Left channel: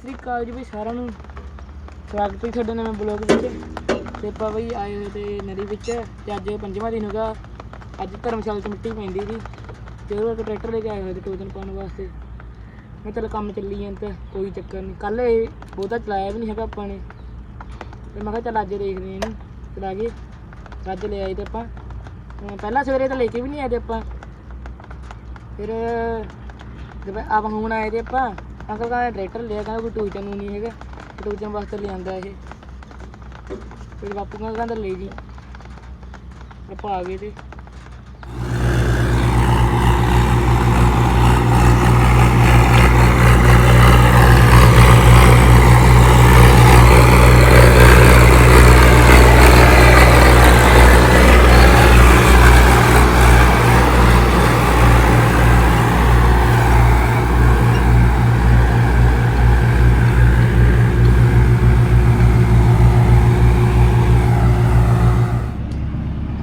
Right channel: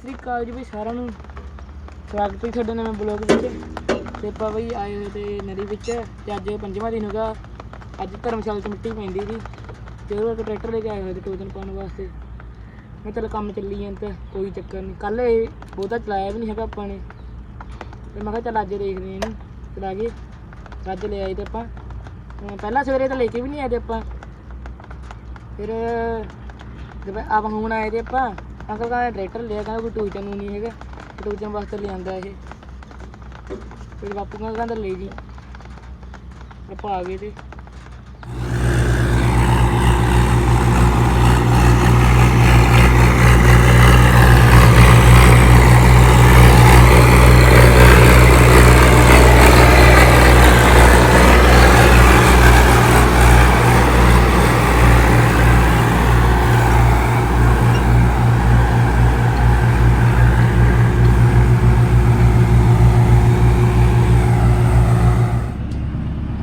ਸ੍ਰੀ ਅਕਾਲ ਜੀ ਵੀ ਸਾਰਿਆਂ ਨੂੰ। ਸਵਾਗਤ ਹੈ ਤੁਹਾਡੇ ਨਵੇਂ ਬਲੌਗ ਵਿੱਚ। ਤੇ ਆਪਾਂ ਬਈ ਆਏ ਹੋਏ ਤੇ ਨਦੀ ਵਿੱਚ ਤੇ ਅੱਜ ਪੰਜਵਾਂ ਦਿਨ ਹੋਗਾ। ਅੱਜ ਧਰਮਸ਼ਾਲਾ 'ਚ ਮਿੱਟੀ ਪੈਂਦੀ ਸੀ ਤੇ ਉਹ ਇੱਕ ਟਰੈਕਟਰ ਲੈ ਕੇ ਆਏ ਹੋਏ ਤੇ ਟੋਜਨ ਪਾਉਣ ਵਾਸਤੇ। ਮੈਂ ਚੱਲ ਕੰਮ ਚੱਲੀ ਜਾਂਦਾ ਕੋਈ ਚੱਕਰ ਨਹੀਂ ਕੱਲ ਇਹ ਬਹੁਤਾ ਚਲਾਇਆ ਵੀ ਨਹੀਂ ਹੈਗਾ ਆਪਾਂ ਨੇ। ਤੇ ਮੈਂ ਕਿਹਾ ਚੱਲ ਅੱਜ ਦੇਖਦੇ ਹਾਂ ਇਹਨੂੰ। ਚਲਾ ਕੇ ਅੱਜ ਲੈ ਆਏ ਤੇ ਆਪਾਂ। ਪਹਿਲਾਂ ਸਵੇਰੇ ਤਾਂ ਲੈ ਕੇ ਵੀ ਨਹੀਂ ਆਏ ਤੇ ਆਪਾਂ। ਫਿਰ ਜਦੋਂ ਆਪ ਹੁਣ ਆਏ ਤੇ ਆਪਾਂ ਅੰਕਲ ਕਹਿੰਦਾ ਟਰੈਕਟਰ ਲਿਆ, ਕਹਿੰਦਾ ਕੋਈ ਟੂਚਨ ਨੂੰ ਨਹੀਂ ਹੈਗਾ ਟੂਚਨ ਵਾਸਤੇ ਲਿਆਂਦਾ ਇਹ। ਫਿਰ ਬਾਪੂ ਕਹਿੰਦਾ ਕਹਿੰਦਾ ਲੈ ਜੀ। ਆਪਾਂ ਆ ਗਏ ਤੇ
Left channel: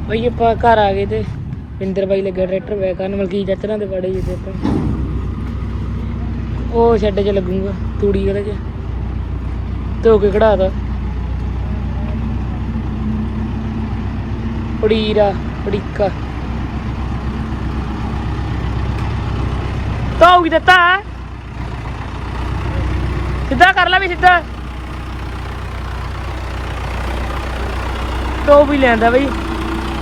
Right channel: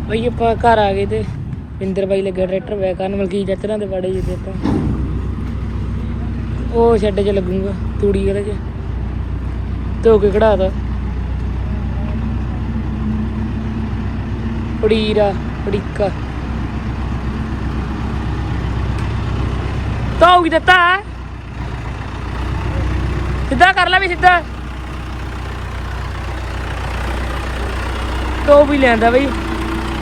ਬਈ ਆਪਾਂ ਘਰ ਆ ਗਏ ਤੇ ਪਿੰਦਰ ਬਾਈ ਲੱਗਾ ਟਰੈਕਟਰ ਵੇ ਕਰਨ ਮਲਕੀ ਚਾਚਰਾਂ ਦੇ ਬੜੇ ਜੀ ਤੇ ਉਹ ਛੱਡ ਚ ਲੱਗੂਗਾ, ਤੂੜੀ ਉਹਦੇ ਚ। ਧੋ ਕੇ ਕਢਾਤਾ। ਪੜੀਰਾ, ਪੜੀਕਾ। ਧੋ ਵੀ ਦਿੱਤਾ ਸਿੱਧਾ ਕਰ ਲੈ ਵੀ ਸਿੱਧਾ। ਧੋ ਵੀ ਲੈਂਦਾ ਬਈ।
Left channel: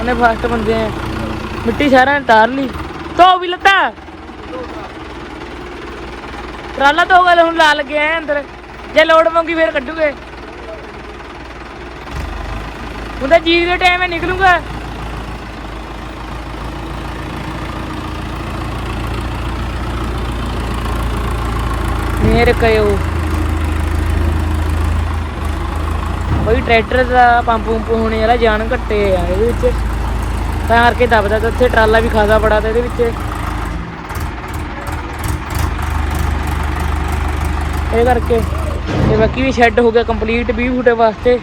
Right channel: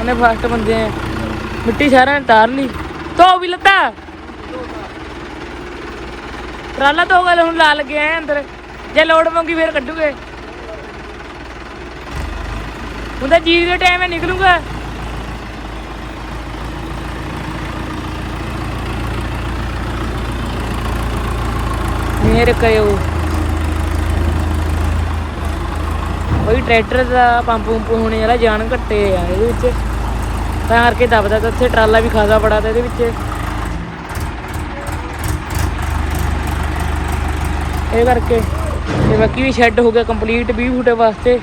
ਉਹਨੇ ਫਾਸਟ ਬੰਦੇ ਆ। ਮਿੱਟੀ ਸਾਰਿਆਂ ਨੇ ਤਾਰ ਲਈ। ਧੋ ਵੀ ਲੱਤਾ। ਟਰਾਲਾ ਧੋ ਗਏ ਹੁਣ ਲਾ ਲੱਗੇ ਆ ਅੰਦਰ। ਜੇ ਲੋਡ ਮੰਗੀ ਫੇਰ ਕੱਢੂਗੇ। ਹੁਣ ਤਾਂ ਦੇ ਟਾਈਮ ਨਿਕਲੂਗਾ। ਮੇਰੇ ਕਯੋ ਕੋਈ ਟਰੈਕਟਰ ਦਾ ਪੰਪ ਪੰਪ ਹੋਣੇ ਵਾਲਾ ਜਾਨ ਘੱਟੇ ਆ, ਇਹਦੇ ਵਿੱਚ। ਤਾਂ ਕਰਕੇ ਦੱਬਦਾ ਤਾਂ ਉੱਥੇ ਟਰਾਲਾ ਵੀ ਖਾਸਾ ਬੜਾ ਤਾਂ ਇਹਦੇ ਵਿੱਚ। ਇਹ ਕਰਕੇ ਤੇ ਬਾਕੀ ਵੀ ਸ਼ੈੱਡ ਹੋ ਗਿਆ ਕੰਪਲੀਟ 20 ਫੁੱਟ ਵਾਸਤੇ।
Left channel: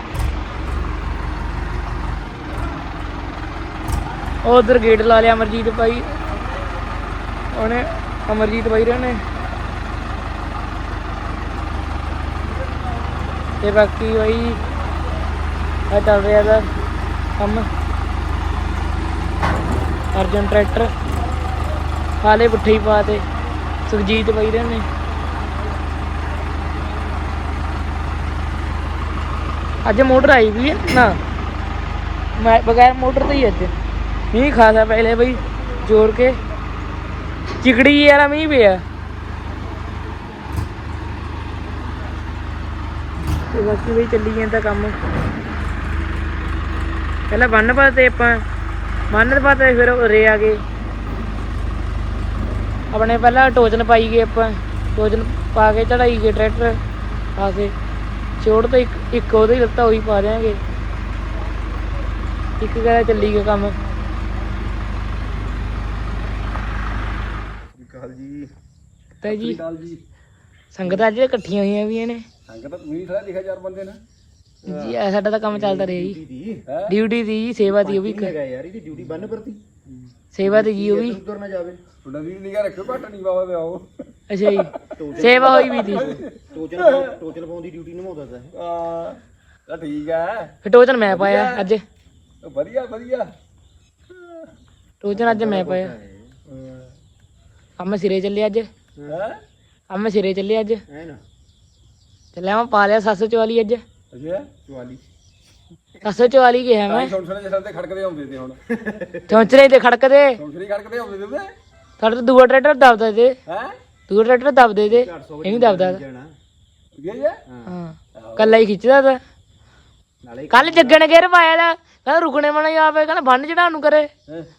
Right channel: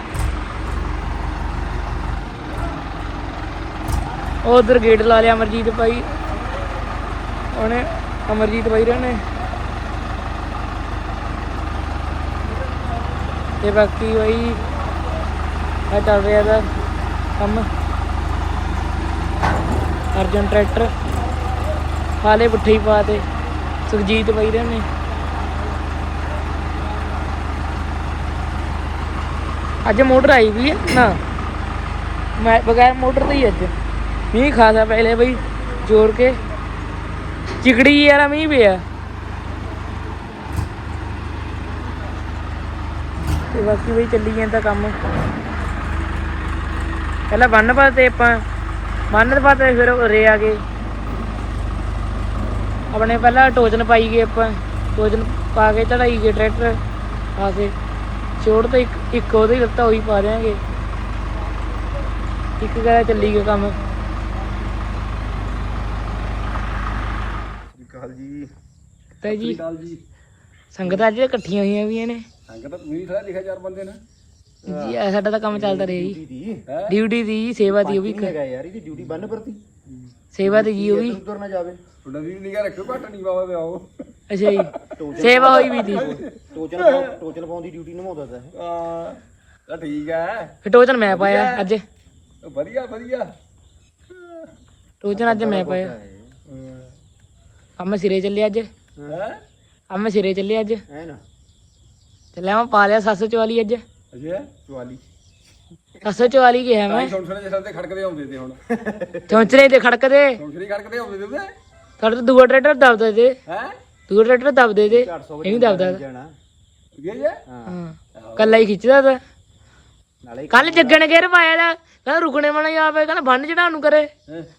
ਉਹ ਉਧਰ ਗੇਟ ਲਾ ਲਿਆ ਅਮਰਜੀਤ ਭਾਈ। ਉਹਨੇ ਅਮਰਜੀਤ ਭਾਈ ਨੇ ਤੇ ਬਾਕੀ ਵਈ ਆ ਚੱਲ ਰਿਹਾ ਦਾ ਕੰਮ। ਅਰਜਨ ਟਰੈਕਟਰ। ਹਾਲੇ ਪੁੱਠੇ ਹੀ ਪਾ ਤੇ ਸੁਖਜੀਤ ਬਾਈ ਰਹੇ ਨੇ। ਅੱਜ ਮੋਟਰ ਆਈ ਵੀ ਹੈ? ਨਾ। ਮੈਂ ਬਗੈਰ ਮੋਟਰ ਤੇ ਹੀ ਅੱਜ। ਇਹ ਖਾਸਾ ਪਹਿਲੇ ਬਈ ਜੋੜ ਕੇ। ਚਿਕੜੀ ਵਾਲਾ ਮੀਂਹ ਪਿਆ। ਤੇ ਬਾਕੀ ਵੀ ਚੱਲੀ ਜਾਂਦਾ ਕੰਮ। ਪਹਿਲਾਂ ਬੰਨ ਪਾ ਤੇ ਆਪਾਂ ਬੰਨ ਤੇ ਫਿਰ ਉਰੇ ਆ ਗਏ। ਆਪਣੇ ਪਹਿਲਾਂ ਟੋਚਨ ਪਾਈ ਗਏ ਆਪਾਂ। ਟੋਚਨ ਪਾ ਕੇ ਚੜਾਈ ਗਏ ਟਰੈਕਟਰ ਆ ਕੇ। ਛੋੜ ਤੇ ਇੱਕ ਇੱਕ ਉਹਦੇ ਲੱਤਾ ਉਹੀ ਪਾ ਦਿਆਂਗੇ। ਇੱਕ ਕਰਾ ਚੱਲੀ ਗਿਆ ਕੰਮ। ਕਾਲ ਜੀ। ਤਾਂ ਜੀ ਕਾਲ ਜੀ। ਸੰਗਤਾਂ ਅੱਜ ਇਕੱਠੀਆਂ ਹੋਈਆਂ ਵੀ ਨੇ। ਸੰਗਤ ਤਾਂ ਤੂੰ ਹੀ ਖੜਾ ਲਿਖਿਆ ਚਾਰ ਬੰਦੇ ਨਾ ਜੀ ਆਹ ਸਾਡਾ ਤਾਂ ਕੰਮ ਚੱਲਦਾ ਰਿਹਾ ਜੀ। ਦੀ ਹੈ? ਡਿਊਟੀ ਦੀ ਜੀ, ਸੇਵਾ ਦੀ ਉਹ ਵੀ ਇੱਕ ਹੈਗਾ ਯਾਰ ਇਹਦੀ ਡਿਊਟੀ ਬੰਨ ਪਰਤੀ ਸੇਵਾ ਤੇ ਜੀ ਉਹ ਵੀ? ਤੁਰ ਨਾ ਜਾਵੇ। ਤੁਹਾਡਾ ਵੀ ਨਿਗਾ ਰੱਖਿਓ ਘੱਟ ਨਹੀਂ ਪਾਵਾ ਵਿਆਹੋ ਅੱਛਾ ਜੀ ਸੇਵਾ ਹੋਈ ਵੀ ਦੀ। ਟੋਚਨ ਟੋਚਨ ਪਾਉਣ ਦੀ ਡਿਊਟੀ ਨਿਭਾਉਂਦਾ ਤਾ ਹਾਂ ਤਾਂ ਠੀਕ ਹੈ ਫਿਰ ਟੋਚਨ ਮੈਂ ਪਾਇਆ ਅੱਜ। ਵਧੀਆ ਵਧੀਆ। ਟੋਚਨ ਅੱਜ ਮੈਂ ਪਾਇਆ। ਕੰਮ ਸਿਰੇ ਚੱਲਿਆ ਅੱਜ। ਹੈ? ਕੰਮ ਸਿਰੇ ਚੱਲਿਆ ਅੱਜ। ਹੈ ਨਾ। ਚੱਲਿਆ ਮੈਂ ਪਾ ਲਿਆ 744 ਅੱਜ। ਅਜੇ? 44 744 ਗਿਆ ਮੈਂ? ਛੋਟੇ ਛੋਟੇ ਜਿਹੇ ਤੇ ਖੜਕਦੇ ਆਉਂਦੇ ਤੇ ਹੁਣ। ਚੌਂਚਰੇ ਤੇ ਖੜਕਦੇ? ਦੂਸਰੀ ਖੜਕਦੇ ਆਉਂਦੇ ਤੇ ਖੜ ਤੇ ਦੂਆ ਟਰੈਕਟਰ ਦਬਦਾ ਤੇ। ਹੈ? ਦੂਆ ਟਰੈਕਟਰ ਦਬਦੇ ਤੇ। ਇਹ ਨਹੀਂ ਦਬਦਾ ਠੀਕ ਹੈ ਜੀ ਹਾਂ? ਕੱਲਾ ਹੀ ਖਿੱਚਦਾ ਤਾ। ਨਾਲੇ ਕੱਲ ਜੱਗਣ ਗੇਰ ਪਾਇਆ ਦਾ। ਕਹਿੰਦਾ ਰੁਕਣੇ ਮਣਾ ਆਵੇ ਕਹਿੰਦਾ ਬੰਨ ਚੜਾਉਣ ਨੂੰ ਕਰੇ?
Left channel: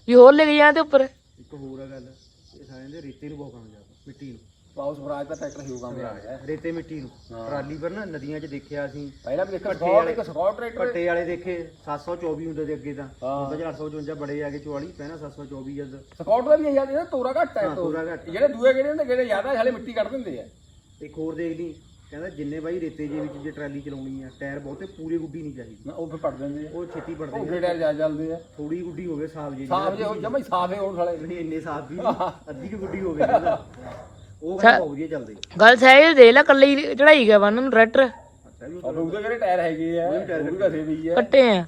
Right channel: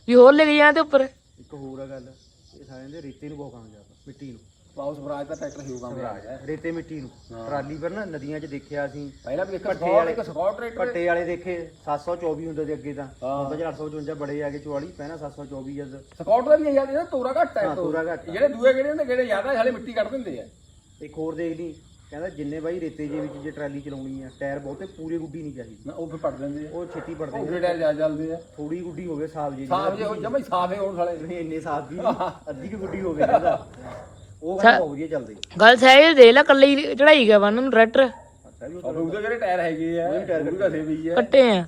ਵੀ ਹੋਰ ਲੈ ਕੇ ਜਾਂ ਤੇ ਉੱਪਰ। ਇੱਕ ਹੋਰ ਗੱਲ। ਇਹ ਸਾਰਿਆਂ ਦੇ ਰੇਤੇ ਨੂੰ ਬਹੁਤ ਕੰਮ ਜਾਂਦਾ ਮਿੱਟੀ ਨੂੰ। ਪਾਉਸ ਫਰਾਜ ਦਾ ਟਰੈਕਟਰ ਹੀ ਆ ਗਿਆ। ਰੇਤੇ ਮਿੱਟੀ ਨੂੰ। ਟਰਾਲੀ ਪਰ ਨਾ ਨਦੀਆਂ 'ਚ ਦੇਖਿਆ ਅਸੀਂ। ਪਹਿਲਾਂ ਵੀ ਦੇਖਿਆ ਸਕੌਟ ਇੱਕ ਸਕੌਟ ਟਰੈਕਟਰ। ਪੱਟੇ ਵਾਲੇ ਦੇਖੇ 724 ਹੁੰਦੇ ਤੇ ਅੱਗੇ ਤਾਂ। ਹੁਣ ਤਾਂ 855 ਬੜੇ ਆ ਗਏ 44 ਪਹਿਲਾਂ 724 ਜਦ। ਸਕਾਊਟ ਦਾ ਵੀ ਇਹ ਯਾਰ ਤੋਰਾ ਘੱਟ ਹੈ ਹਾਂ, ਤੋਰਾ ਘੱਟ। ਜਿਹੜੇ ਦੂਏ ਜਿਹੜੇ ਹੁੰਦੇ ਜਿਹੜੇ ਜ਼ਿਆਦਾ ਹਲੇ ਮਿੱਟੀ ਕੱਢ ਦਿੰਦੇ ਆ। ਇੱਕ ਹੋਰ ਦੇਖ ਲਈ ਕਹਿੰਦਾ ਜਿੰਨੇ ਬਾਈ ਰੇਤੇ ਜੇ ਵਿੱਚ ਜੇ ਟਰਾਲੀ ਚਲਾਉਣੀ ਆ ਟਾਇਰ ਬਹੁਤੇ ਪੂਰੇ ਗੁੱਡੀ ਨਹੀਂ ਚਾਹੀਦੀ। ਨਾ ਉਹ ਫਿਰ ਪੜ ਦਿੰਦੇ ਆ। ਉਹ ਛੇਤੀ ਪੜਦੇ ਉਹ ਕਿਹੜਾ ਜਾ ਚੱਲਦੇ ਆ। ਥੋੜੀ ਗੁੱਡੀ ਹੋਵੇ ਸਾਫ਼ ਜੀ ਸਾਫ਼ ਜੇ ਉਹ ਜਮਾ ਹੀ ਸਾਫ਼ ਹੈ ਉਹ ਸਾਲੇ। ਇੰਨੇ ਸਾਫ਼ ਵੀ ਨਹੀਂ, ਅੱਧੀ ਕੁ ਗੁੱਡੀ ਹੋਵੇ ਉਹ ਗੱਲ ਬਹੁਤ ਵਧੀਆ ਚੱਲਦੀ ਗੱਲ ਸਹਿਜ ਦੇ ਲੈ ਕੱਲੀ ਚੜਾਈ ਗਿਆ ਬੰਨ ਨੂੰ ਟਰੈਕਟਰ। ਉਹਦੇ ਜਿਹੜੇ ਟਾਇਰ ਹੈਗੇ ਆ ਉਹ ਵੀ ਘਸੇ ਵੀ ਆ। ਕੱਟੇ ਆ।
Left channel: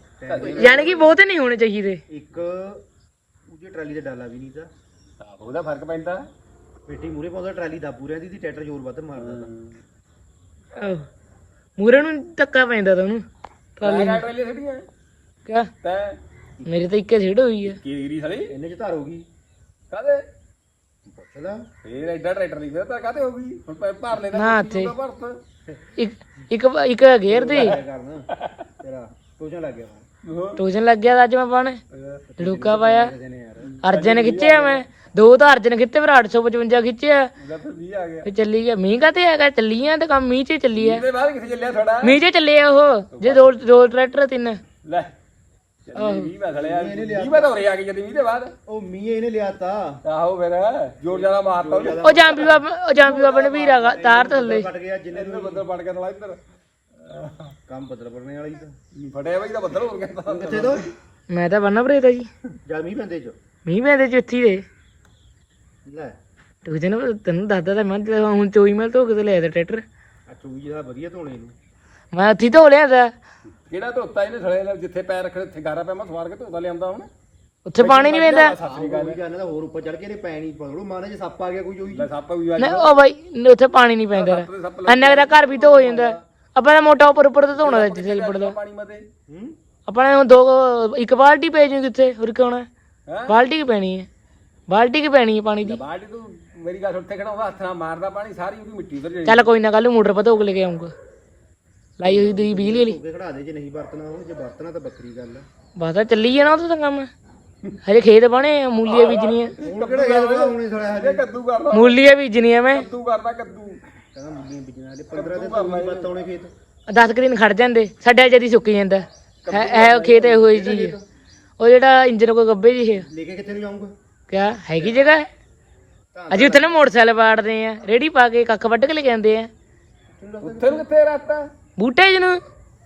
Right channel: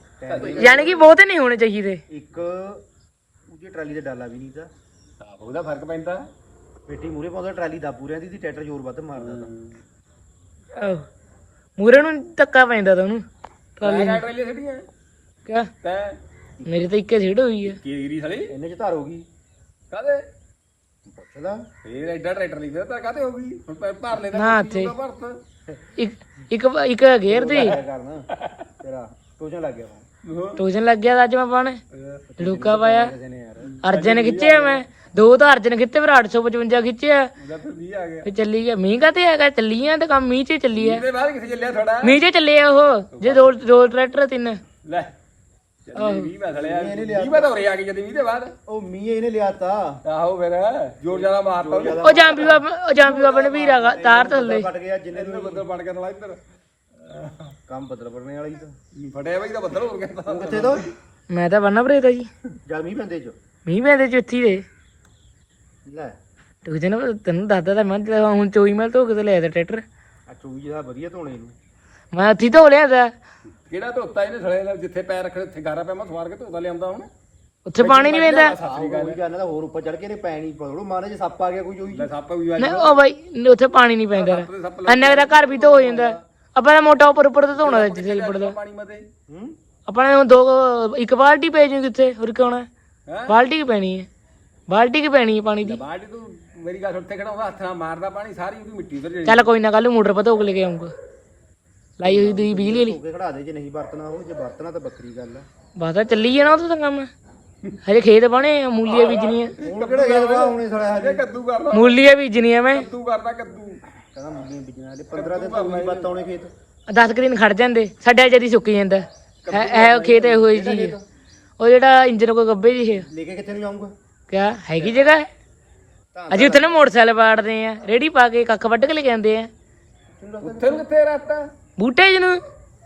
ਯਾਨੀ ਕਿ ਬਹੁਤੇ ਨਹੀਂ ਹੋਣੇ ਚਾਹੀਦੇ। ਇੱਕ ਉਹਦੀ ਟਰਾਲੀ ਦੇ ਡਾਲਾ ਵੀ ਨਹੀਂ ਆਹ, ਉਹਦਾ ਫ਼ਰਕ ਪੈਂਦਾ। ਪੇਟੀ ਮੂਰੇ ਪਾਉਂਦਾ ਟਰਾਲੀ ਦਾ ਪੂਰਿਆਂ ਦੀ ਟਰੈਕਟਰ ਜ਼ੋਰ ਵੱਧ ਮਾਰਦਾ ਤਾਂ। ਮੂਰੇ ਨੂੰ ਧੱਕਾ ਪੈਂਦਾ ਤਾਂ ਉਹਨੂੰ ਟਰਾਲੀ ਨੂੰ। ਟਰਾਲੀ ਛੱਡੀਆਂ ਕਿਆ? ਤੈ ਮੇਰੇ ਤਾਂ ਇੱਕੇ ਛੇੜ ਹੋਈ ਆ। ਕੀਰੀ ਸਾਲੀ ਇਹਨੇ ਚ ਧਾਰ ਹੋ ਗਈ। ਕਾਦੇ ਪੁੱਛ ਲਾ ਫੇਰ ਐਡਾ ਟਰੈਕਟਰ ਨਹੀਂ ਫਿਰ ਤਾਂ ਕਾਤੇ ਹੋ ਗਈ? ਹੁਣ ਭਰ- ਭਰ ਲੈਦਾ ਨਾ ਤੇ ਭਰਤ। ਇੱਕ ਇੱਕ ਇੱਕ ਗੇਅਰ ਦੀ। ਤੇਰਾ ਲੱਗ ਗਿਆ ਹੁਣ। ਟੋਜਨ ਲੱਗ ਗਿਆ ਤਾਂ ਅੱਜ ਮੈਂ ਪਾਣ ਡੂਕਾ ਪਾਇਆ। ਯਾਰ। ਅਰਜਨ ਖਿੱਚਿਆ ਮੈਂ। ਦੋ ਤਾਂ ਅਰਜਨ ਖਿੱਤੇ ਫਿਰ 855 ਖਿੱਚਿਆ। ਉਹਦਾ ਫਿਰ ਵੀ ਆ ਗਿਆ। ਫਿਰ ਚੱਲੀ ਗਿਆ। ਮੀਂਹ ਕਾਤੇ ਹੈਗਾ ਚੱਲੀ ਆ ਤੇ ਕੰਮ ਮੀਂਹ 'ਚ ਹੀ ਚੱਲੀ ਆ। ਇਹਦੇ ਬਾਅਦ ਕਿੱਥੇ ਚੱਲਿਆ ਥੋੜਾ ਮੀਂਹ 'ਚ ਚੱਲੇ ਆ ਉਹ। ਜੇ ਦੋ ਦੋ ਟਰੈਕਟਰ ਤਿੰਨ। ਲੈ। ਚੱਲੀ ਵੀ ਮੈਂ ਥੜਿਆ ਵੀ ਮੈਂ ਤਾਂ ਉਰੇ ਆ ਕੇ ਜਦ ਵੀ ਦੇ ਬਾਅਦ। ਉਹ ਮੀਂਹ ਇਹਨੇ ਲਿਆਤਾ। ਆਹੋ ਫਿਰ ਜੋਰ ਜ਼ਿਆਦਾ ਮਾਰਤਾ ਉਹਨੇ। ਉਹ ਜਾਂਪੀ ਬਾਬਾ ਉਹ ਜਾਂਪੀ ਬਾਬਾ ਨੇ ਵੀਰਾ ਗਾ- ਤਾਰ ਥੱਲੇ। ਫਟ ਗਿਆ ਜਿੰਨੇ ਇਹਦੇ ਬੱਦਲ ਫੜ ਕੇ ਨਾਲ ਇੱਧਰ। ਕੰਮ ਬਦਲ ਪੜਨੇ ਵਾਲੀ ਤਾਂ। ਫਟਿਆ ਬਈ ਦਾ ਬੱਦਲ ਹੋ ਗਿਆ ਕਿੱਥੇ ਤੋਂ? ਮੈਂ ਤਾਂ ਬੰਨਾ ਭਰੀਦਾ ਜੀ। ਜਦ ਮੀਂਹ ਪੈਂਦੇ ਚ। ਮੀਂਹ ਪੈਂਦੇ ਚੁੱਥੀ ਦੇ ਲੈ। ਤੂੰ ਜਨ ਤੈਨੂੰ ਦੱਸਦਾ ਤਾਂ ਮੈਂ ਜਦੋਂ ਹੁਣ ਚੋਈ ਮੈਂ ਧੋ ਕੇ ਤੇ ਲਿਆ ਤਾ ਟਰੈਕਟਰ। ਆ ਚੂਈ ਦਾ ਵਧੀਆ ਧੋਣੇ ਨੂੰ। ਮੈਂ ਹੱਥੀ ਧੋ ਲਿਆ ਤਾ ਜਿਹੜਾ ਧੋਤਾ ਇਹਨੇ ਸੜੇ ਦਾ ਜਿੱਥੇ ਪੈਰ ਰੱਖੇ ਉੱਥੇ ਗਾਰਾ ਪਿਆ ਮੈਂ ਸਵਾਰ ਕੇ ਧੋਤਾ ਲਿਆਉਂਦਾ ਹੁਣ ਉੱਥੇ ਪਾਣੀ ਨਹੀਂ ਆਹ ਕੋਈ ਗੱਲ ਨਾ ਹੋਰ ਉੱਪਰ ਚੜ ਕੇ ਨੇ ਪੈਣੀ ਪੜੋ ਮਾਰੇ ਜੇ ਸੱਪ ਆ ਗਿਆ ਕੋਈ ਮੈਂ ਸੱਪ ਵੀ ਆ ਨਹੀਂ ਉਹ ਬਾਈ ਉੱਥੇ ਪਾਣੀ ਨਹੀਂ ਪੈਂਦਾ ਕੁ ਤਾਂ ਘਰ ਵੀ ਧੋ ਜਾਂਦਾ। ਆਪਾਂ ਦਾ ਮੋਟਾ ਉੱਪਰ ਉੱਪਰ ਤੇ ਧੋਣਾ ਜਿੱਥੇ ਲਿਪੜਦਾ ਪਾਣੀ ਮਤੇ। ਹੂੰ? ਆਪਾਂ ਨੇ ਹੁਣ ਦੋ ਕੁ- ਇੱਕ ਬਾਲਟੀ ਪੈ ਜੂ ਕਿੱਥੇ? ਹੋਰ ਕਿਉਂ ਹੈਂ? ਬਾਲਟੀ ਕੀ ਪੈਣੀ ਹੈ? ਬਾਲਟੀ ਕੀ ਪੈਣੀ ਹੈ ਪਾਣੀ ਦੀ? ਬਾਲਟੀ ਤੂੰ ਮੇਰੀ ਗੱਲ ਉੱਥੇ ਖੜਾ ਉਹਦਾ ਹੱਥ ਨਾਲ ਮਾਰਦਾ ਪਾਣੀ ਸਾਰੀ ਉਹਦੀ ਮਿੱਟੀ ਫਿਰ ਜਾਣੀ ਚੱਲ ਕੋਈ ਨਾ ਕੱਲ ਮੋਟਰ ਪਾ ਧੋ ਕੇ ਲੈ ਕੇ ਆਉਂਗਾ ਲਾਈ ਹੋਈ ਦੀ ਬਿਜਲੀ ਵਾਲੀ। ਧੋ ਕੇ ਖੜਾ ਦੇ ਜੇ ਨਹੀਂ ਵਰਤਣਾ ਉਹ ਜੇ ਵਰਤਣਾ ਤਾਂ ਬੱਕਰੀ ਗੱਲ ਆ। ਬਾਤਾ ਚੱਲੀ ਜਾਣਾ ਉਹ ਤਾਂ ਕੰਮ। ਹਜੇ ਖੇਤ ਬਣੇ ਮੂਲੀਆਂ ਬੀਜਣੀਆਂ। ਹੁਣ ਕਿਹੜਾ ਖੇਤ ਬਣਾ ਹੁਣੇ ਸਾਲਾ ਹਜੇ ਕੱਦੂ ਕਰਨਾ ਮੂਲੀਆਂ ਬੀਜਣੀਆਂ ਮੈਂ। ਕੱਦੂ ਕਰਦਾ ਕੱਦੂ। ਕਹਿੰਦਾ ਮੁੰਡੀਆਂ ਬਿਜਣਾ ਹਲੇ 15 ਦਿਨ ਤੋਂ ਨਹੀਂ ਆਉਣੇ ਖੇਤ। 10 ਕੁ ਦਿਨ ਖੜ ਜਾਂਦੇ ਸਾਡਾ ਜਦੀ ਸੁੱਕ ਜਾਂਦਾ। ਹੈ ਹੈ ਉਹ ਖੇਤ ਇਹੋ ਜਿਹੀ ਜੀ। ਉਹ ਜਿਹੜਾ ਇੰਜਨ ਕੋ ਗੱਬੇ ਜੀ ਹੈ ਲੈ ਕੇ ਕਿੱਥੇ ਨੂੰ ਜਾਊਂਗਾ? ਕਿਆ ਹੈਗੀ ਜਗ੍ਹਾ? ਹੈ ਅਜੇ ਉੱਥੇ ਨਾ ਮੋਟਰਸਾਈਕਲ ਬਾੜਦੇ ਆ ਰੇੜੀ ਪਾ ਕੇ ਕੱਖ ਵੱਢ ਕੇ ਲੈ ਕੇ ਆਉਂਦੇ ਆ। ਉੱਥੇ ਕਿੱਥੇ ਰਾਤਾਂ। ਬੂਟੇ ਜਿਹਨੂੰ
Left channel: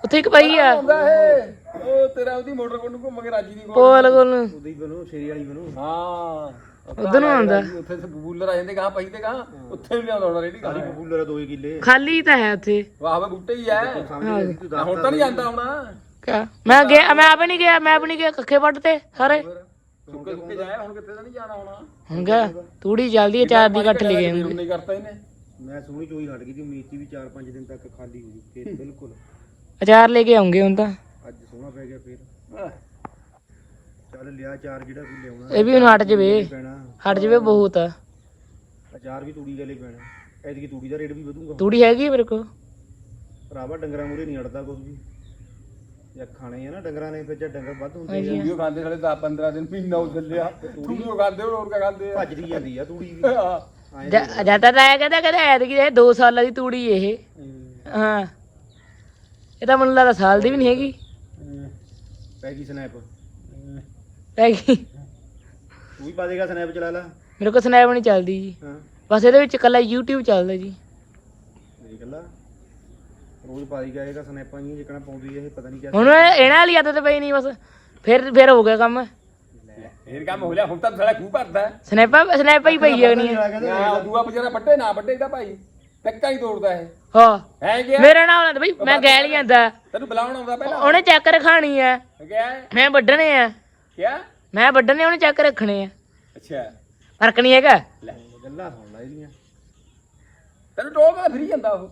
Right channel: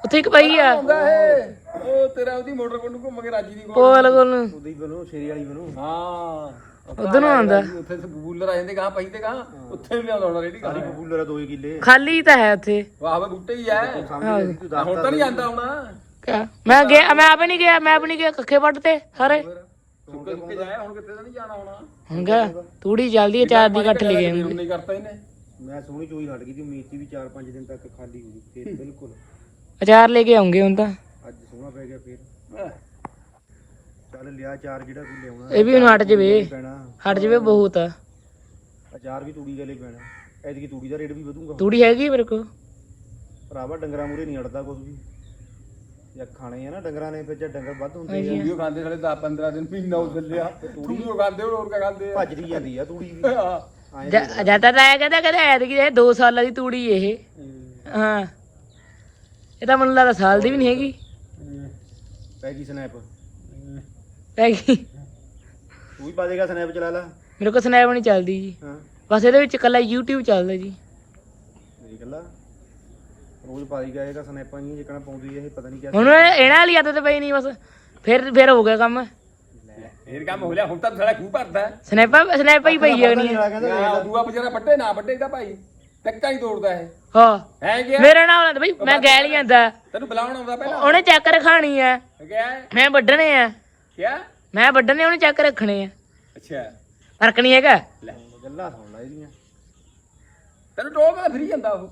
ਉੱਥੇ ਇੱਕ ਪਾਈ ਆ। ਆਉਂਦਾ ਹੈ ਉਹ ਤੇਰਾ ਉਹਦੀ ਮੋਟਰ ਕੋਲ ਨੂੰ ਘੁੰਮ ਕੇ ਰਾਜੀ ਦੀ ਕੋਲ ਪੋਲ ਕੋਲ ਨੂੰ। ਉਹਦੀ ਬਣੂ ਸ਼ੇਰੀ ਵਾਲੀ ਬਣੂ ਹਾਂ। ਉਧਰ ਨੂੰ ਆਉਂਦਾ। ਉੱਥੇ ਬੂਲਰ ਆ ਜਾਂਦੇ ਗਾਂ ਪਈ ਤੇ ਗਾਂ ਉੱਥੇ ਵੀ ਲਿਆਉਂਦਾ ਰੇੜੀ ਸਾਰੀ ਕਬੂਲਰ ਦੋ ਕਿੱਲੇ। ਖਾਲੀ ਤਾਂ ਹੈ ਉੱਥੇ। ਵਾਹ ਵਾ ਬੂਟੇ ਹੀ ਐ ਸਮਝ ਗਈ ਤੂੰ ਦੱਸ ਹੁਣ ਤਾਂ ਨਹੀਂ ਜਾਂਦਾ ਹੋਣਾ। ਕਿਆ? ਮੈਂ ਗਿਆ ਮੈਂ ਆਪ ਨਹੀਂ ਗਿਆ ਮੈਂ ਆਪ ਨਹੀਂ ਗਿਆ ਕੱਖੇ ਵੱਢ ਤੇ ਸਾਰੇ। ਸੁੱਕੇ ਸੁੱਕੇ ਜਾਇਆ ਹੁਣ ਕਿੱਥੇ ਤਾਂ ਨਹੀਂ ਜਾਣਾ ਹੋਣਾ। ਹੁਣ ਗਿਆ ਤੂੜੀ ਚੱਲਦੀ ਹੈ ਚਾਰ ਦੀ ਕੱਟ ਲਈ ਗਏ ਨਹੀਂ ਕਰਤਾ ਇਹਨੇ। ਮੈਂ ਸੋਹਣੀ ਚੋਈ ਹਟ ਗਈ ਸੀ ਮੇਥੀ ਵੀ 4-5 ਦਿਨ ਤੱਕ ਖਾਲੀ ਹੋ ਗਈ ਖੇਤ ਬਿਲਕੁਲ। ਅਚਾਰ ਲੈ ਕੇ ਆਉਂਗੇ ਹੁਣ ਤਾਂ। ਅੱਜ ਸੋਹਣਾ ਪੈ ਗਿਆ ਫੇਰ। ਚੱਲ ਲਿਆ ਚਾਰ ਜਿਹੜਾ ਕੋਈ ਲਿਆਉਣਾ। ਇਹ ਵੀ ਹੁਣ ਹਟ ਜਵੇ। ਪੈਣਾ। ਹਟ ਜਵੇ ਬਹੁਤ ਆ। ਅਚਾਰ ਵੀ ਤੂੜੀ ਵਾਲੇ ਪੈਣਾ। ਐਤਕੀ ਤੂੜੀ ਦਾ ਰੇਟ ਵੀ ਵਧੂਗਾ। ਤੂੜੀ ਹੈਗੀ ਮੇਰੇ ਕੋਲ? ਭਰਾਵਾ ਡੰਗਰਾਂ ਮੂਰੇ ਨਹੀਂ ਅੜਦਾ ਕੁਝ ਵੀ। ਜਾਂ ਖਾਣੇ ਆ ਨਾ ਡੰਗਰਾਂ ਨੇ ਫਿਰ ਜੇ ਡੰਗਰ ਵੱਧ ਹੁੰਦੇ ਆ। ਵੀਡੀਓ ਖਾਂਦੇ ਸਾਲੇ 10 15 ਦਿਨ ਮਹੀਨਾ ਹੋ ਚੱਲਿਆ ਤੂੜੀ ਉਹ ਖਾਂਦੇ ਹੋਰ ਕਾ ਖਾਂਦੇ ਆ? ਭੱਜਦੀ ਜਾਂਦੀ ਆ ਤੂੜੀ ਵੀ। ਹਾਂ। ਜ਼ਿਆਦਾ ਤਾਂ ਆਇਆ ਕਹਿੰਦਾ ਕਹਿੰਦਾ ਐਤਕੀ ਇਹ 2 ਸਾਲਾਂ ਦੀ ਤੂੜੀ ਇਹ। ਹਾਂ। ਇਹ ਤਾਂ ਮੈਨੂੰ ਲੱਗਦਾ ਸਾਲ ਦੀ ਵੀ ਨਹੀਂ ਹੈਗੀ। ਪੈ ਗਈ ਸਨੈਪ। ਪੈ ਗਈ। ਤੂੰ ਵੀ ਪਾ ਦੇਗਾ ਸਨੈਪ ਚਲਾ ਲਾ। ਮੇਰੇ ਕੋਲ ਸਨੈਪ ਨਹੀਂ ਚੱਲਦੀ ਜੀ। ਹਾਂ। ਬਸ ਇਹਦੇ ਵਿੱਚ ਕੱਲਾ YouTube ਚੱਲਦਾ ਜੀ। ਦੇਖ ਲਾ ਰੋਜ਼ ਪਾਈ ਗਿਆ ਇਹਦਾ ਸਨੈਪਾਂ ਜੀ ਜਿਕਣਾ ਪਾਉਂਦੀ ਇਹ ਪਤਾ ਨਹੀਂ ਕਿਆ ਹੁਣ ਇਹਨਾਂ ਵਾਲੀ ਆਦਤ ਪਈ ਨਹੀਂ ਬਸ। ਫਿਰ ਫਿਰ ਹੋ ਗਿਆ ਕੰਮ। ਫੇਰ ਕੰਮ ਹੋ ਲਿਆ ਹੁਣ ਤਾਂ ਸਾਲਾ ਖੂਹ ਭਰਦਾ। ਸਨੈਪਾਂ ਸਨੈਪਾਂ ਹੀ ਪਈ ਜਾਣੀ ਹੈ ਆ ਦੂਆ ਵਿਚਾਰਾ ਪੱਟੇ ਨਾ ਪੱਟੇ ਦਾ ਭਾਈ ਟੱਕਾ ਹੀ ਤੋੜਦਾ ਇਹ। ਹਾਂ। ਹੈ ਗਿਆ ਮੇਰੇ ਨਾਲ ਹੁੰਦਾ ਬਈ ਮੈਂ ਗੈਲ ਹੀ ਜਾਂਦਾ ਤੈਨੂੰ ਬੁਲਾਉਣ ਆਉਂਦਾ ਪਹਿਲਾਂ? ਉਹਨੇ ਚੱਕ ਰਖਾਣੀ ਆ। ਗਿਆ ਮੈਂ ਵੱਢਣੇ ਆ। ਕਿਆ? ਮੈਂ ਵੱਢਣੇ ਉਹਨੇ ਚੱਕ ਰੱਖਣੇ ਆ। ਅੱਛਾ। ਫ਼ਰਕ ਨਹੀਂ ਹੈਗਾ। ਗੱਲਾਂ ਸੁਣ ਲੈ। ਇਹਦੀਆਂ ਤੈਨੂੰ ਟੋਲ ਕੇ ਫਰੀ ਜਾਂਦਾ ਉਹ।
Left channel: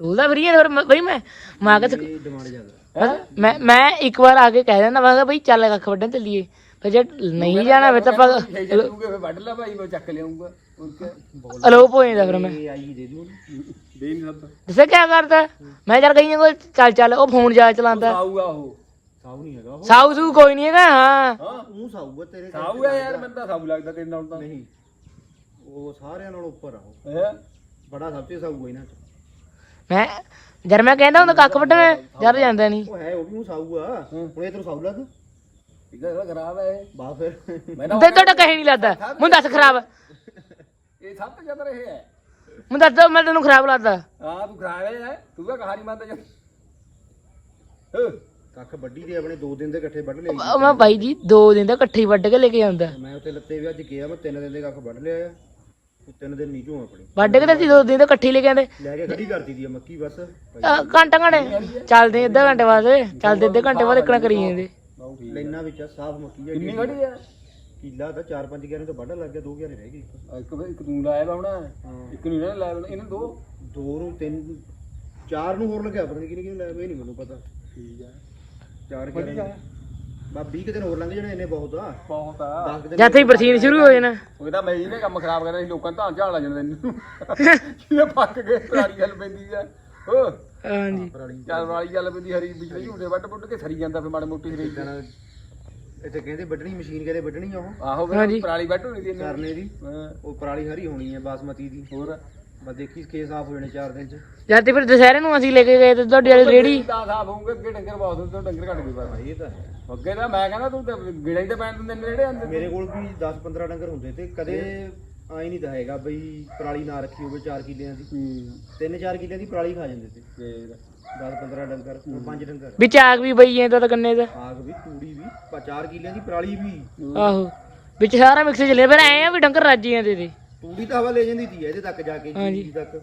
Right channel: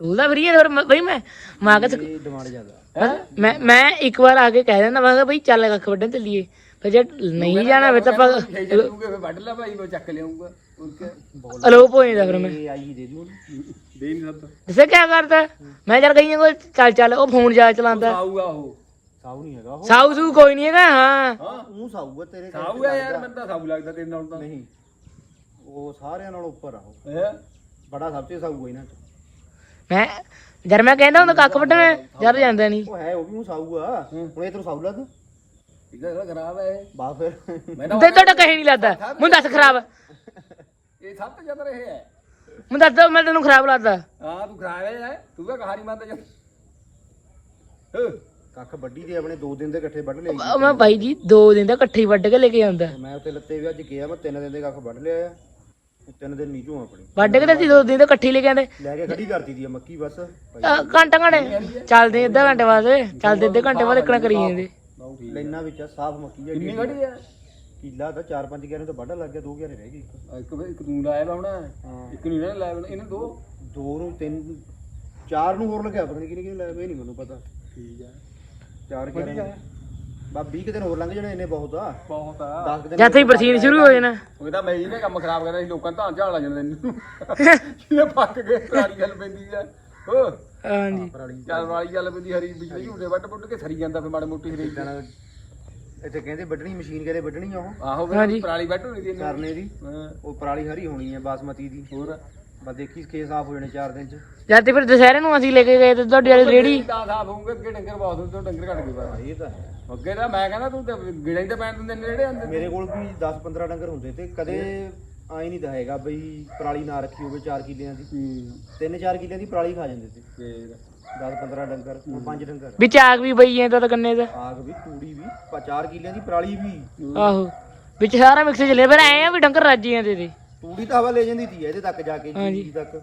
ਤੂੰ ਤਾਂ ਫਰੀ ਹੋਰ ਬਈ ਮੈਂ ਮਾਂ ਕੇ ਇਹ ਜ਼ਿਆਦਾ। ਮੈਂ ਮੈਂ ਇੱਕ ਵਾਰ ਆ ਕੇ ਕਹਿ ਦਿੰਦਾ ਮੈਂ ਕਿਹਾ ਬਈ ਚੱਲ ਕੱਖ ਵੱਢਣ ਚੱਲੀਏ। ਫਿਰ ਜੇ ਨਹੀਂ ਜਾਣਾ ਫਿਰ ਤਾਂ ਆਪਾਂ ਵੱਢ ਲੈ ਭਾਈ ਮੈਂ ਚੱਕ ਲਿਆਉਂਗਾ ਹੋਰ ਅਲੋਪ ਹੋ ਜਾਂਦਾ ਫਿਰ ਮੈਂ। ਇਹ ਆਈ ਦੇ ਦੂੰ ਉਹਨੂੰ। ਦੇ ਨਹੀਂ ਸਕਦਾ। ਦੱਸਿਆ ਕੀ ਕਰਦਾ? ਮੈਂ ਜਦ ਗਈਆਂ ਕੋਲ ਚੱਲ ਚੱਲ ਉਹ ਫੋਨ ਜਾ ਚਲਾਉਂਦਾ। ਆਊਗਾ ਉਹ। ਸਾਊ ਨਹੀਂ ਹੈਗਾ ਉਹ। ਸਾਊ ਸੂ ਕੋਈ ਨਹੀਂ ਹੈਗਾ ਹਾਂ। ਹਾਂ। ਮੂੰਹ ਸਾਊ ਆ ਤੇਰੇ ਸਾਊ ਹੈ ਯਾਰ ਮੈਨੂੰ ਤਾਂ ਸਾਊ ਲੱਗਦਾ ਤੇਰੇ ਨਾਲ ਤਾਂ। ਨਹੀਂ। ਉਹ ਸਾਰਿਆਂ ਨਾਲੋਂ ਉੱਪਰ ਆ ਉਹ। ਹੈ? ਬੜਾ ਸਭ ਤੋਂ ਸਾਊ ਆ ਇਹਨਾਂ ਚ। ਮੈਂ ਜਦ ਮੈਂ ਕਹਿੰਦਾ ਹੁੰਦਾ ਕੱਖ ਵੱਢਣ ਜਦ ਜਾਂਦਾ ਨਹੀਂ ਉਹ ਹੈ ਉਹ ਵੀ ਮੂੰਹ ਸਾਊ ਆ। ਹੁਣ ਇਹ ਤੈਨੂੰ ਸਾਊ ਲੱਗ ਇਹਦਾ ਇਹਦਾ ਖਰਾਬ ਹੈ ਇਹ। ਬਾ ਫਿਰ। ਮੈਂ ਤਾਂ ਤੇ ਤੁਹਾਡਾ ਕਹੇ ਨਹੀਂ ਲੱਗਦਾ। ਮੈਨੂੰ ਦੱਸ ਖਰਾਬ। ਇਹ ਸਭ ਤੋਂ ਜ਼ਿਆਦਾ ਰਹੇ ਹੈ। ਮੈਨੂੰ ਦੱਸ ਦੋ ਮੈਂ ਤੈਨੂੰ ਖਰਾਬ ਲੱਗਦਾ। ਹਾਂ ਤੂੰ ਖਰਾਬ ਹੈ ਤੂੰ ਤਾਂ ਕਹਾਣੀ ਮੰਨਦਾ ਜਦ ਕੱਖ ਵੱਡੀ ਦੇ ਆਪਣੇ 2 ਦਿਨ ਦੇ ਇਕੱਠੇ ਵੱਢ ਲਏ ਉਹ ਮੈਂ ਬਾਈ ਜੀ ਦੋ ਦਿਨ ਦਾ ਇਕੱਠੇ ਹੀ ਵੱਢ ਕੇ ਲੈ ਕੇ ਆਉਂਦਾ। ਮੈਂ ਉੱਥੇ ਲੱਤੇ ਵੀ ਅੱਜ ਗਿਆ ਮੈਂ 3 ਦਿਨ ਦੇ ਕੱਖ ਵੱਢ ਲਿਆ। ਆ ਤਿੰਨ ਦਿਨ ਨੀਚੋਂ ਆਪਣੀ। ਵੱਢ ਕੇ ਤੇ ਅਸੀਂ ਦੋ ਦਿਨ ਤਾਂ ਇਕੱਠੀ ਲੈ ਕੇ ਆਂਦੇ ਲੈ ਕੇ ਖੜੀ ਕਰਤੀ ਦੀ ਆ ਮੱਕੀ ਬਸ। ਘੰਟਾ ਘੰਟੇ। ਚੱਲਦੇ ਅੱਧਾ ਘੰਟੇ ਬਾਅਦ ਚੱਲਦੇ ਅੱਧੇ ਘੰਟੇ ਬਾਅਦ ਇਕਣਾ ਕਰੀ ਜਾਂਦੇ। ਠੀਕ ਲੈਣਾ ਵਿੱਚ ਆ, ਸਾਫ਼ ਮੱਕੀ ਹੈ ਕਿੰਨੀ ਖੜੀ ਆ? ਕਿੱਲਾ ਦਾ 4-5 ਗਿਆਰੇ ਤੋਂ ਵੱਢ ਲੱਗ ਗਿਆ 2 ਗਿਆਰੇ ਰਹਿ ਗਏ ਇੱਕ। ਇੱਕ ਇੱਕ ਤੂੰ ਲਾਇਆ ਹਾਂ? ਇੱਕ ਨਹੀਂ ਲਾਇਆ ਵਾ, ਇਹਨੇ ਦੋ? ਦੋ ਨੂੰ ਤਿੰਨ ਚਾਰ ਨੂੰ ਹੋਰ ਲੱਗਿਆ ਪਤਾ ਨਹੀਂ ਕਿਹਨੇ ਕਿਹਨੇ ਲਾਇਆ ਇਹ ਨਹੀਂ ਮੈਨੂੰ ਪਤਾ। ਠੀਕ ਆ। ਚਾਰ ਗਿਆਰੇ। ਬਾ 20 ਕੁ ਦਿਨ ਹੋਰ ਲੰਘ ਜਾਣੇ ਇੰਨੇ ਬਹੁਤ ਆ। ਬਹੁਤ ਆ। 10 ਦਿਨ ਜਦ ਹੀ ਬਰਸੀਨ ਸ਼ੁਰੂ ਹੋ ਜਾਣਾ ਉਹ ਤਾਂ ਮੈਂ ਇਹਨੇ ਕੰਮ ਖਰਾਬ ਕਰਿਆ ਸੀ ਲੋਕਾਂ ਨੂੰ ਤਾਂ ਝਾੜ ਲਾ ਜਾਂਦੇ ਨੇ। ਇਹ ਪੱਕ ਗਏ ਸਾਰੀ ਗੱਲ ਪੈਂਦੀ ਆ। ਹੋ ਹਾਂਜੀ ਚੱਲ ਵਾਲੀ ਗੱਲ ਪੈਂਦੀ ਹਰੀ ਬਿਜਲੀ ਝੂਟੇ ਵੱਟ ਪੁੱਟ ਕੇ ਸਰੀ ਜਾਂਦਾ ਫਿਰ ਮਾੜੇ ਮੋਟੀ ਹਰੀ ਜਾਣਾ ਇੱਥੇ ਕਹਿੰਦੇ ਵੱਢਣੀ ਮਸ਼ੀਨ ਕਹਿੰਦੇ ਵੱਢਣੀ ਆ ਉਹ। ਆਹੋ ਹਾਂਜੀ। ਫਿਰ ਪਰਾਲੀ ਵੱਟ ਹੋਣੀ ਦੀ ਇਹਨੇ। ਕਰਨੇ ਦੀ। ਹਾਂ, ਉਹ ਪਰਾਲੀ ਹਰੀ ਹੋਣੀ ਹੈ ਬਾਸਮਤੀ ਦੀ। ਹੋਰ? ਬਸ ਦੇਖੀ ਖੇਤ ਸਾਫ਼ ਹੋ ਜਾਣੇ 4 ਦਿਨ ਚ। ਜਦ ਤੇ ਫਿਰ ਦੁਸਹਿਰੇ ਨੂੰ ਅਸੀਂ ਲੈ ਕੇ ਗਏ ਤੇ ਤੁਹਾਡੀ ਵਾਲੀ ਰੇੜੀ। ਤਾਂ ਸਾਫ਼ ਹੋਊਗਾ ਅੱਗੇ ਡੰਗਰ ਬਹੁਤ ਹੁੰਦੇ ਡੰਗਰ ਘਟ ਗਏ ਬਸ ਇਹ ਤਾਂ ਹੈ। ਅੱਗੇ ਤਾਂ ਮੈਂ ਕਹਿੰਦਾ ਤੂੰ ਤਾਂ ਗਿੜਾ ਹੀ ਤਾਂ ਪੈਣ ਦਿੰਦੇ ਨੇ ਜਿਹੜੇ ਆਂਦੇ ਮੇਰੇ ਕੋਲ ਵੀ 10-15 ਡੰਗਰ ਹੁੰਦੇ ਤੇ ਕਦੇ ਆਈ ਨਹੀਂ ਦਹਾਏਗਾ ਬਈ ਪਰਾਲੀ ਨਾ ਰੱਖੀ ਹੋਵੇ 4 ਕਿੱਲਿਆਂ ਦੀ। ਤਿੰਨ 4 ਕਿੱਲਿਆਂ ਦੀ ਪਰਾਲੀ ਖਾ ਜਾਂਦੇ ਤੇ ਫੇਰ? 10-15 ਡੰਗਰ ਹੁਣ 5 ਡੰਗਰ। ਵਿੱਚ ਆਗ ਵੀ ਪਈ ਜਾਂਦਾ ਤਾਂ ਕੰਨੇ ਦਾ ਆਗ ਵੀ ਤੂੜੀ ਵੀ 4 ਕਿੱਲਿਆਂ ਦੀ ਪਰਾਲੀ ਵੀ। ਆਹੋ। ਵਿੱਚ ਸਾਰਾ ਮਿਕਸ ਚੱਲੇ ਫਿਰ ਐ ਆ ਵੀ ਡੰਗਰ ਰੱਜ ਜਾਂਦੇ ਤੇ। ਤੂੜੀ ਤਾਂ ਹਵਾ ਲੈ ਜਾਂਦੀ ਸੀ ਇਹਦੇ ਤੱਕ ਜਾ ਕੇ ਜੀਰੀ ਤੱਕ।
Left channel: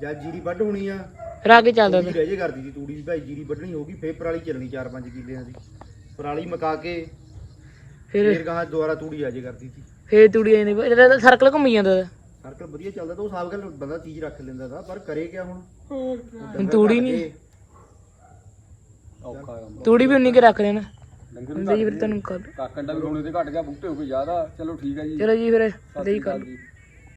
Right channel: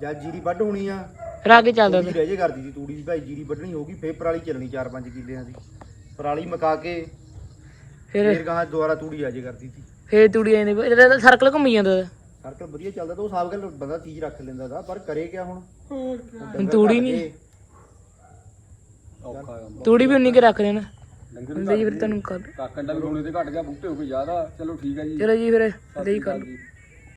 ਜਦ ਜੀਰੀ ਵੱਢ ਹੋਣੀ ਆ। ਰਾ ਕੇ ਚੱਲਦਾ ਤੂੜੀ ਰਹਿ ਜੇ ਕਰਦੀ ਸੀ ਤੂੜੀ ਵੀ ਭਾਈ ਜੀਰੀ ਵੱਢਣੀ ਹੋਗੀ ਫੇਰ ਪਰਾਲੀ ਚੱਲਣੀ 4-5 ਕਿੱਲਿਆਂ ਦੀ। ਪਰਾਲੀ ਮਕਾ ਕੇ ਫਿਰ ਫੇਰ ਗਾਂ ਦੁਬਾਰਾ ਤੂੜੀ ਆ ਜੇ ਕਰਦੀ ਸੀ। ਫੇਰ ਤੂੜੀ ਜਾਂਦੇ ਇਹਦਾ ਤਾਂ ਸਰਕਲ ਘੁੰਮੀ ਜਾਂਦਾ। ਸਰਕਲ ਵਧੀਆ ਚੱਲਦਾ ਤਾਂ ਉਹ ਸਾਬ ਗੱਲ ਬੰਦਾ ਚੀਜ਼ ਰੱਖ ਲੈਂਦਾ ਦਾ ਪਰ ਕਰੇ ਕਿਆ ਹੁਣ? ਹੁਣ ਤੂੜੀ ਨਹੀਂ। ਔਖਾ ਕੰਮ। ਤੂੜੀ ਵੀ ਉਨੀ ਕੇ ਰੱਖ ਲੈਣਾ। ਡੰਗਰ ਲਈ ਫਿਰ ਤੁਹਾਨੂੰ ਕਰ ਕਾਕੰਡਾ ਵੀ ਰੋਣੇ ਤੇ ਘਟ ਗਿਆ ਬੂਟੇ ਹੋ ਗਏ ਜ਼ਿਆਦਾ। ਚਲੋ ਠੀਕ ਹੈ ਜੀ। ਚਲੋ ਜੀ ਫਿਰ ਲਈ ਕਰ। ਜੀ।